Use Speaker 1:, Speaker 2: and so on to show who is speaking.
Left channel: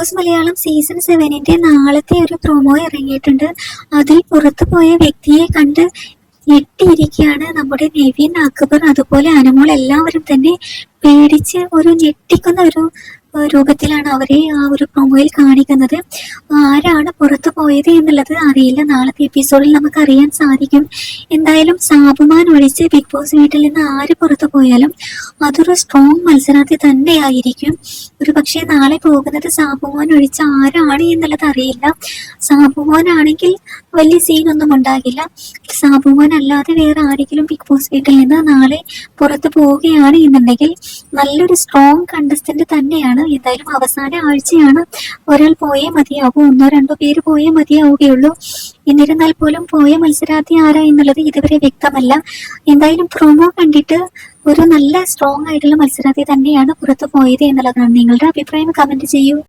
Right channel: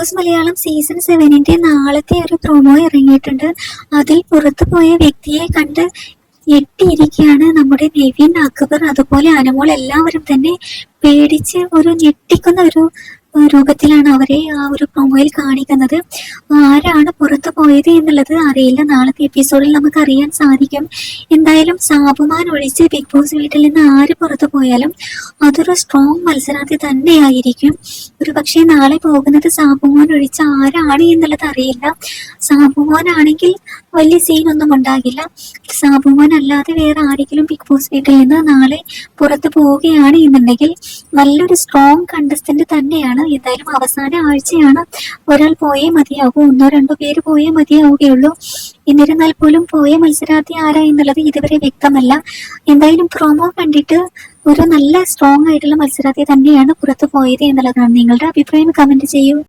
Speaker 1: Boss Malayalam season സെവനിന്റെ നാളത്തെ ഒരു promo ഇറങ്ങിയിട്ടുണ്ട്. അതിൽ പുറത്തു പോയ വ്യക്തിയെ കണ്ട് ഞെട്ടിയിരിക്കുകയാണ് നമ്മുടെ നിവിൻ അക്ബർ. അതുപോലെ അനമോൾ എല്ലാവരും തന്നെ പേടിച്ച് ഒരു ഞെട്ടിക്കുന്ന ഒരു രൂപത്തിലാണ് അവരെ ആ ഒരു പ്രൊമോയിൽ കാണിക്കുന്നത്. ആരാണ് പോയത് എന്നുള്ളത് അറിയില്ല. നാളത്തെ എപ്പിസോഡിൽ നമുക്ക് അറിയാൻ സാധിക്കും. എന്തായാലും സാബുമാൻ ഒഴിച്ച് ബിഗ് ബോസ് വീട്ടിൽ നിന്ന് ആര് പുറത്തു പോയാലും അതൊരു സ്ട്രോങ് മത്സരാർത്ഥി തന്നെയായിരിക്കും. ഒരു പക്ഷേ നാളെ പോകുന്നത് സാബുമാൻ ഒഴിച്ച് ആരാണ് എന്നുള്ളത് അറിയില്ല. സാബുമാൻ ആണെങ്കിൽ വലിയ സീനൊന്നും ഉണ്ടാകില്ല. സാബുമാൻ അല്ലാതെ വേറെ ആരെങ്കിലും ബിഗ് ബോസ് വീട്ടിൽ നിന്ന് നാളെ പുറത്തു പോവുകയാണ് എന്നുണ്ടെങ്കിൽ നല്ലൊരു സ്ട്രോങ് കണ്ടസ്റ്റന്റ് തന്നെയാണ് എന്തായാലും അവസാന ആഴ്ചയാണ്. ഒരാൾ പോയേ മതിയാവും ഒന്നോ രണ്ടോ പേര് പോയേ മതിയാവുകയുള്ളൂ. എന്നിരുന്നാൽ പോലും പോയ മത്സരാർത്ഥി ആരാ എന്നുള്ളത് ഇതുവരെ വ്യക്തമല്ല. എന്തായാലും പ്രൊമോ കണ്ടിട്ട് ഒരു നല്ല സ്ട്രോങ് ആയിട്ടുള്ള മത്സരാർത്ഥി തന്നെയാണ് പുറത്തു പോയത് എന്നുള്ളതാണ് നിങ്ങളുടെ അഭിപ്രായം. കമന്റ് ചെയ്യൂ.